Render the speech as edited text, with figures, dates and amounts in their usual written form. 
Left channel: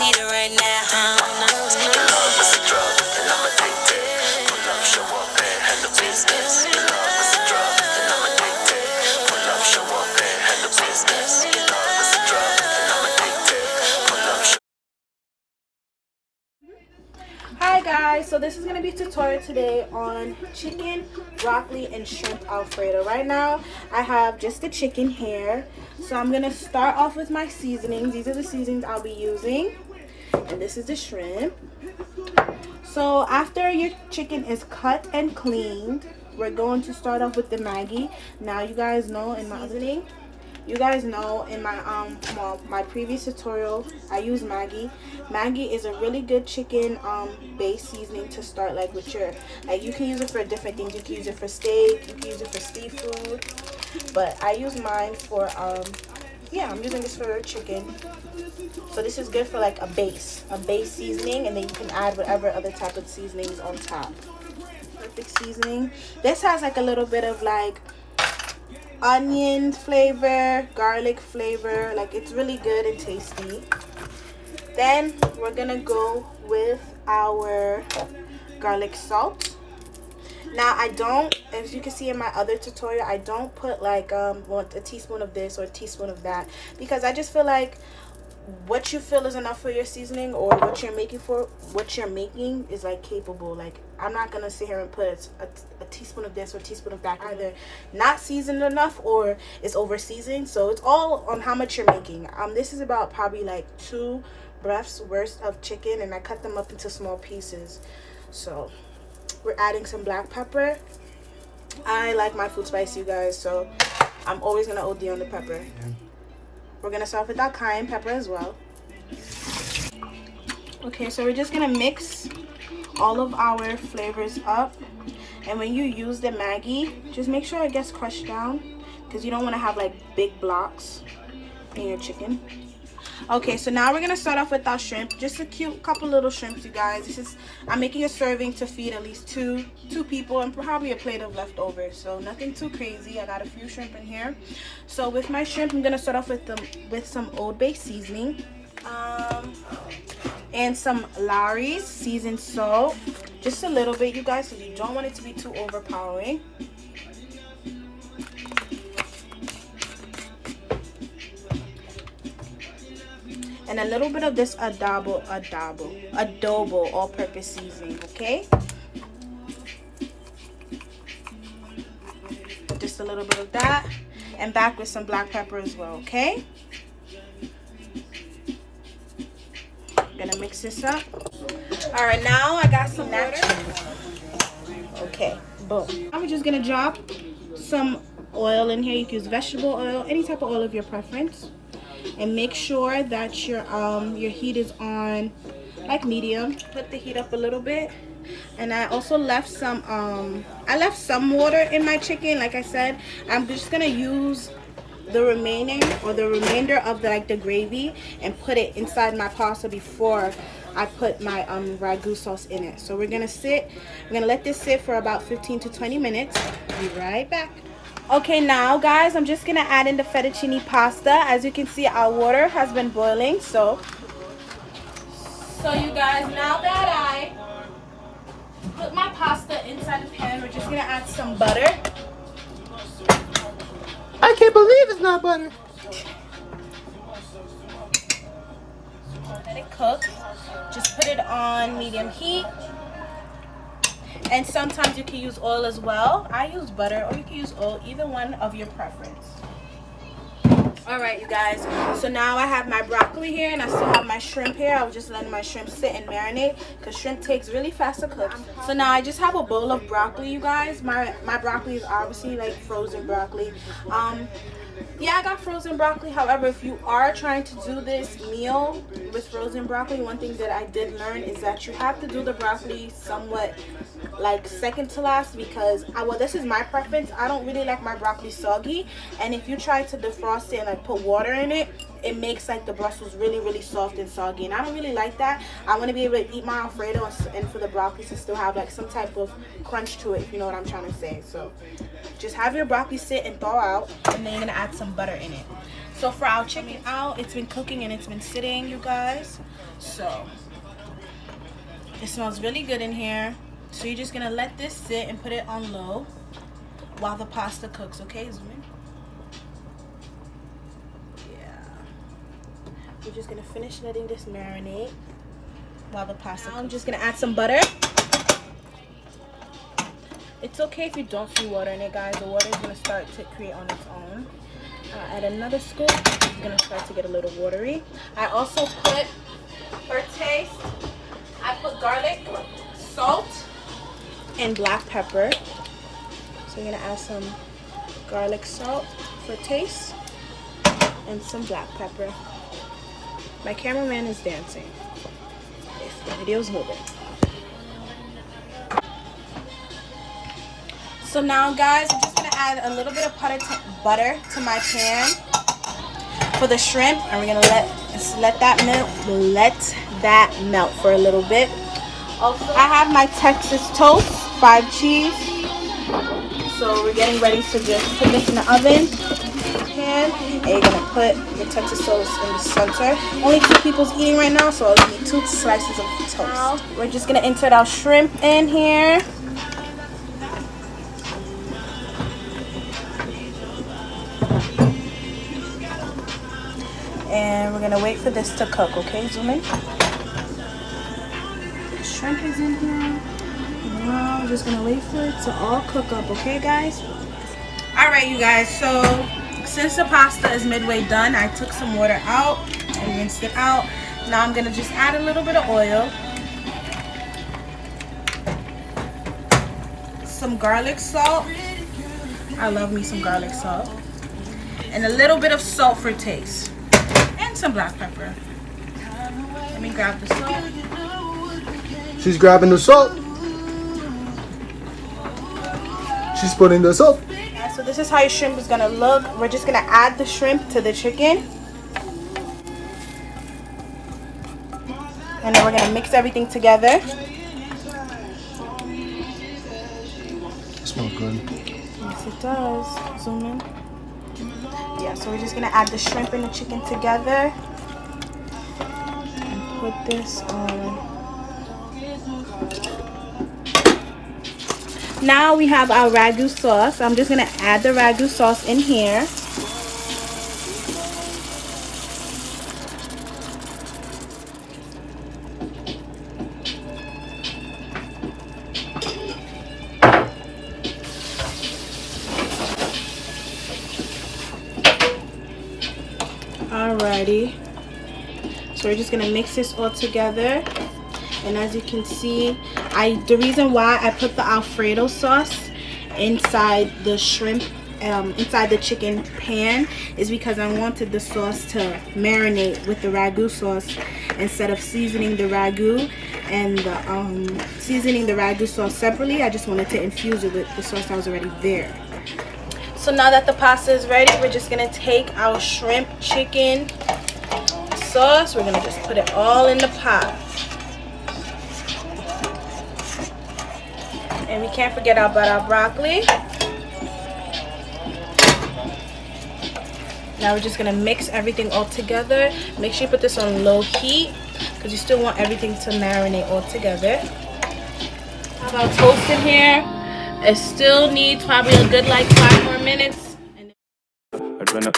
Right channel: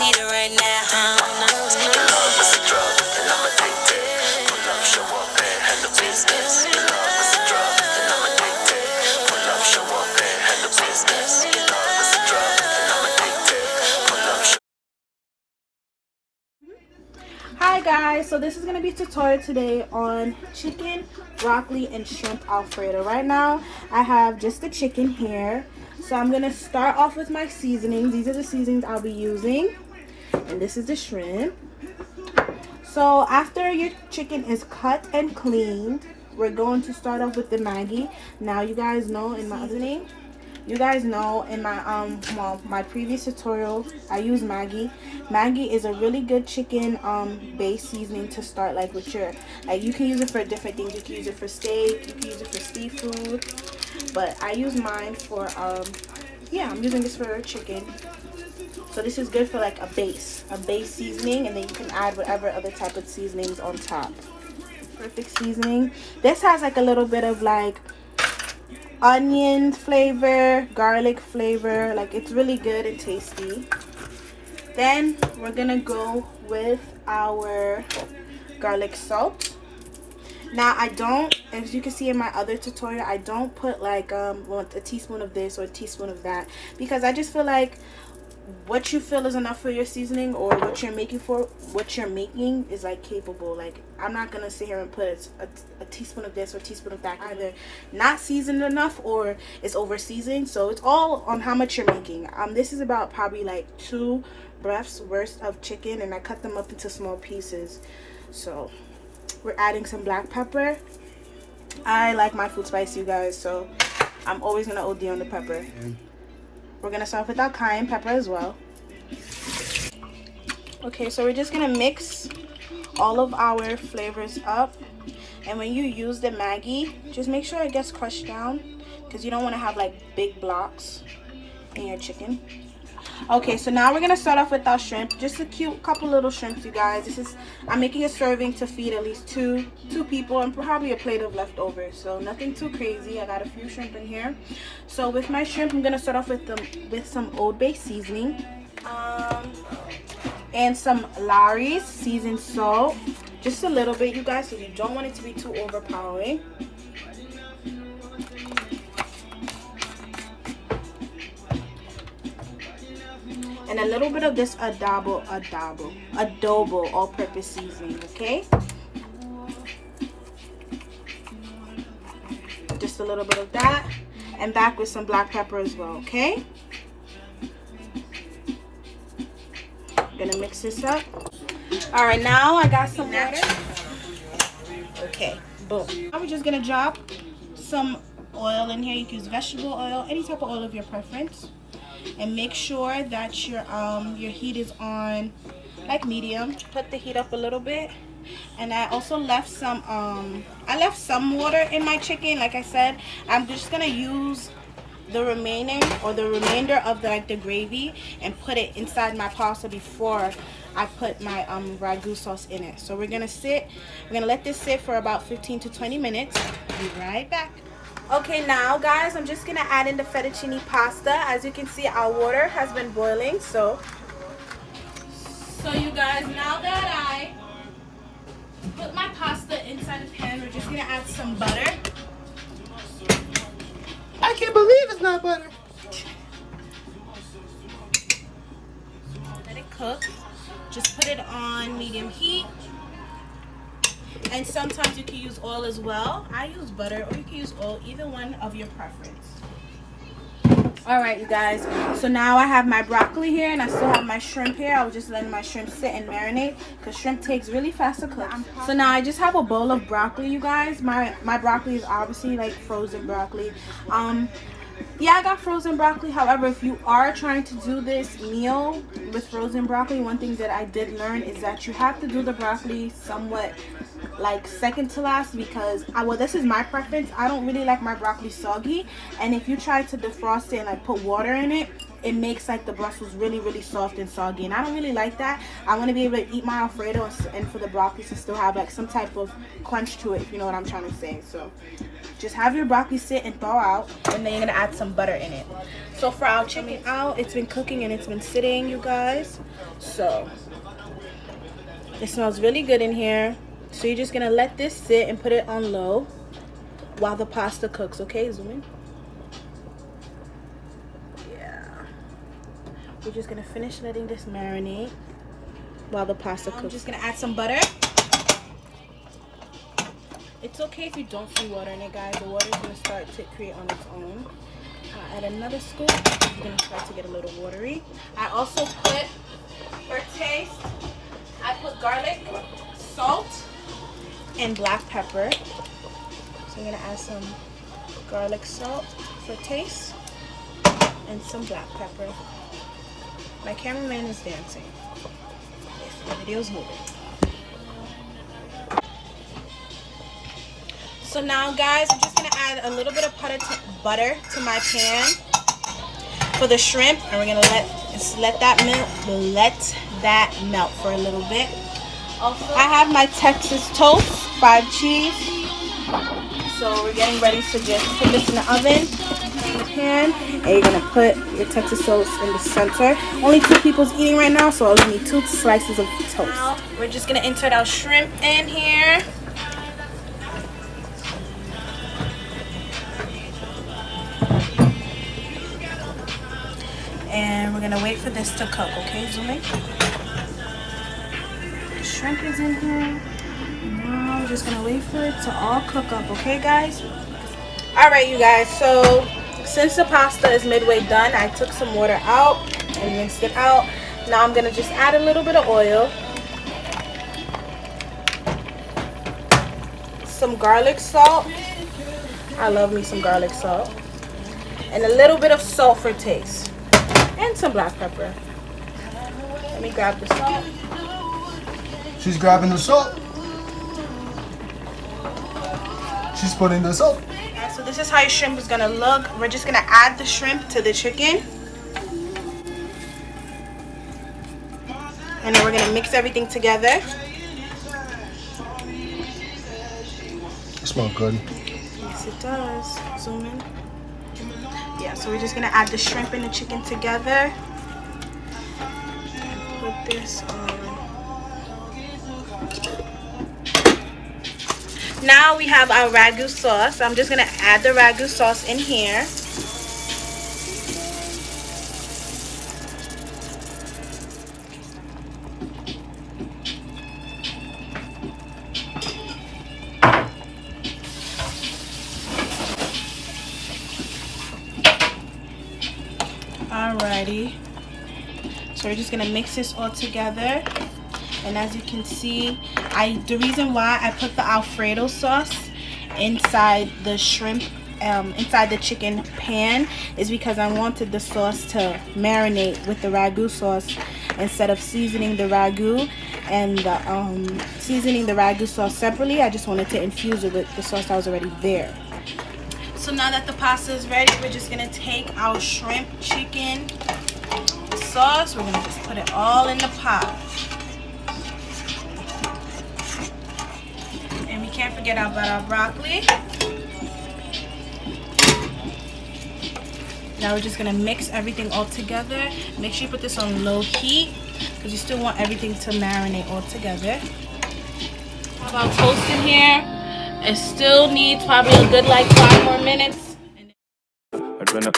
need it right now. Your love is a drug, and I'm addicted. Pull up, show up, and handle business. Your love is a drug, and I'm addicted. Pull up, show up, and handle business. Your love is a drug, and I'm addicted. Pull up, show. Hi guys, so this is going to be a tutorial today on chicken, broccoli, and shrimp Alfredo. Right now I have just the chicken here, so I'm going to start off with my seasonings. These are the seasonings I'll be using, and this is the shrimp. So after your chicken is cut and cleaned, we're going to start off with the Maggi. Now you guys know in my my previous tutorial I use Maggi. Maggi is a really good chicken base seasoning to start, like with your, like you can use it for different things. You can use it for steak, you can use it for seafood, but I use mine for I'm using this for chicken. So this is good for like a base seasoning, and then you can add whatever other type of seasonings on top. Perfect seasoning. This has like a little bit of like onion flavor, garlic flavor, like it's really good and tasty. Then we're gonna go with our garlic salt. Now I don't, as you can see in my other tutorial, I don't put like a teaspoon of this or a teaspoon of that, because I just feel like what you feel is enough for your seasoning, or what you're making is like capable. Like I'm not gonna sit here and put a teaspoon of this or a teaspoon of that. Either not seasoned enough or it's over seasoned. So it's all on how much you're making. This is about probably like 2 breaths worth of chicken, and I cut them up into small pieces. So we're adding some black pepper. I like my food spicy, you guys, so I'm always gonna OD on the pepper. We're gonna start with our cayenne pepper as well. Okay, so we're just gonna mix all of our flavors up, and when you use the Maggi, just make sure it gets crushed down, because you don't want to have like big blocks in your chicken. Okay, so now we're gonna start off with our shrimp. Just a cute couple little shrimps, you guys. I'm making a serving to feed at least two people, and probably a plate of leftovers, so nothing too crazy. I got a few shrimp in here. So with my shrimp, I'm gonna start off with some Old Bay seasoning, and some Lawry's seasoned salt, just a little bit, you guys, so you don't want it to be too overpowering. And a little bit of this adobo all-purpose seasoning, okay? Just a little bit of that, and back with some black pepper as well, okay? Gonna mix this up. All right, now I got some natural. Okay, boom. I'm just gonna drop some oil in here. You can use vegetable oil, any type of oil of your preference. And make sure that your heat is on like medium. Put the heat up a little bit. And I also left some water in my chicken. Like I said, I'm just gonna use the remainder of the gravy and put it inside my pasta before I put my ragu sauce in it. So we're gonna let this sit for about 15 to 20 minutes. Be right back. Okay, now guys, I'm just gonna add in the fettuccine pasta. As you can see, our water has been boiling. So you guys, now that I put my pasta inside the pan, we're just gonna add some butter. I can't believe it's not butter. Let it cook. Just put it on medium heat. And sometimes you can use oil as well. I use butter, or you can use oil, either one of your preference. All right, you guys, so now I have my broccoli here, and I still have my shrimp here. I was just letting my shrimp sit and marinate, because shrimp takes really fast to cook. So now I just have a bowl of broccoli, you guys. My broccoli is obviously like frozen broccoli. Yeah, I got frozen broccoli. However, if you are trying to do this meal with frozen broccoli, one thing that I did learn is that you have to do the broccoli somewhat like second to last, because well, this is my preference. I don't really like my broccoli soggy, and if you try to defrost it and like put water in it, it makes like the Brussels really soft and soggy, and I don't really like that. I want to be able to eat my Alfredo and for the broccoli to still have like some type of crunch to it, if you know what I'm trying to say. So just have your broccoli sit and thaw out, and then you're gonna add some butter in it. So for our chicken out, it's been cooking and it's been sitting, you guys. So it smells really good in here. So you're just gonna let this sit and put it on low while the pasta cooks. Okay, zoom in. Yeah. We're just gonna finish letting this marinate while the pasta cooks. I'm just gonna add some butter. It's okay if you don't see water in it, guys. The water is gonna start to create on its own. Add another scoop. It's gonna start to get a little watery. I also put, for taste, I put garlic, salt, and black pepper. So I'm gonna add some garlic salt for taste and some black pepper. My cameraman is dancing. The video's moving. So now, guys, I'm just gonna add a little bit of butter to my pan for the shrimp, and we're gonna let that melt for a little bit. Also, I have my Texas toast, 5 cheese. So we're getting ready to just put this in the oven. Pan, and you're gonna put the Texas toast in the center. Only 2 people's eating right now, so I'll need 2 slices of toast. Now, we're just gonna insert our shrimp in here. And we're gonna wait for this to cook, okay? Zoom in. The shrimp is in here. Now we're just gonna wait for it to all cook up, okay, guys? Alright, you guys, so since the pasta is midway done, I took some water out and rinsed it out. Now I'm gonna just add a little bit of oil, some garlic salt. I love me some garlic salt. And a little bit of salt for taste. And some black pepper. Let me grab the salt. She's grabbing the salt. She's putting the salt. Yeah, so this is how your shrimp is gonna look. We're just gonna add the shrimp to the chicken. And then we're gonna mix everything together. It smells good. Yes, it does. Zoom in. Yeah, so we're just gonna add the shrimp and the chicken together and put this on. Now we have our ragu sauce. I'm just gonna add the ragu sauce in here. Alrighty, so we're just gonna mix this all together, and as you can see, the reason why I put the Alfredo sauce inside the shrimp, inside the chicken pan, is because I wanted the sauce to marinate with the ragu sauce instead of seasoning the ragu and seasoning the ragu sauce separately. I just wanted to infuse it with the sauce that was already there. So now that the pasta is ready, we're just gonna take our shrimp chicken sauce. We're gonna just put it all in the pot. And we can't forget about our broccoli. Now we're just gonna mix everything all together. Make sure you put this on low heat because you still want everything to marinate all together. Have our toast in here. It still needs probably a good like 5 more minutes. I'd run up,